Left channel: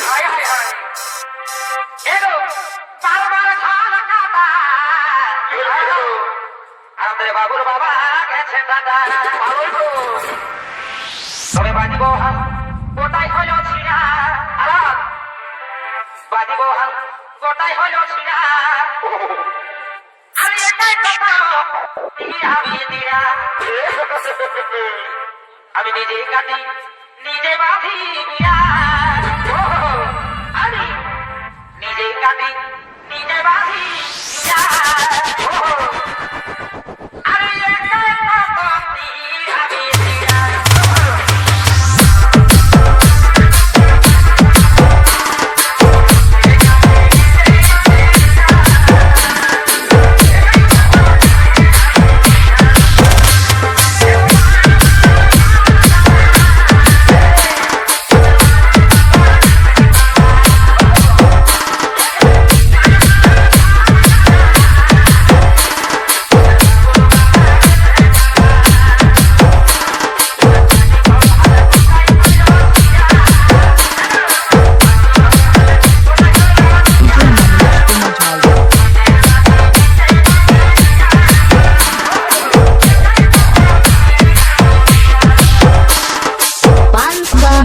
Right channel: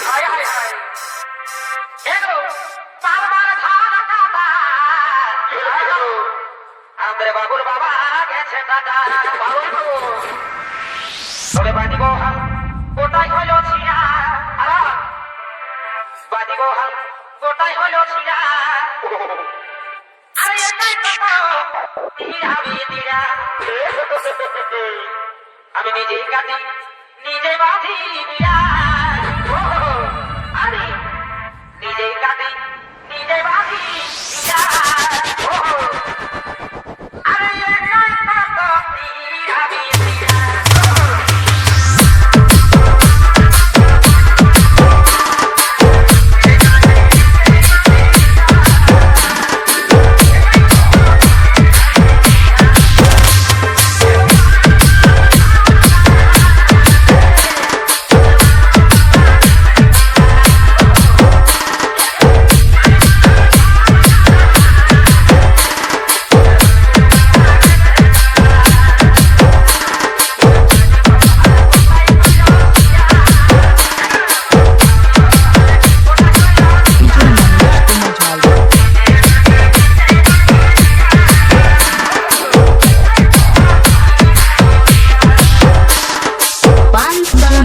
হায় হায় হায় এগো বারবার ধারা কাটা আমাদের বাবুর বাবা গেছে টাটা ভালো তো ওরে বাজি বহাল কোটাই হলো ছিড়া আরাম বাজি বহাল কোটাই হলো ছিড়া আরে এটাই তো তিরাবি তিরা আমি নিজেই কাটি নিজে বাঁধি বিড়া আমি নিজেই কাটি নিজে বাঁধি বিড়া আরে এটাই তো তিরাবি তিরা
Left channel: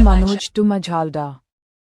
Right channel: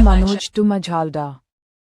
Manoj to Majalda.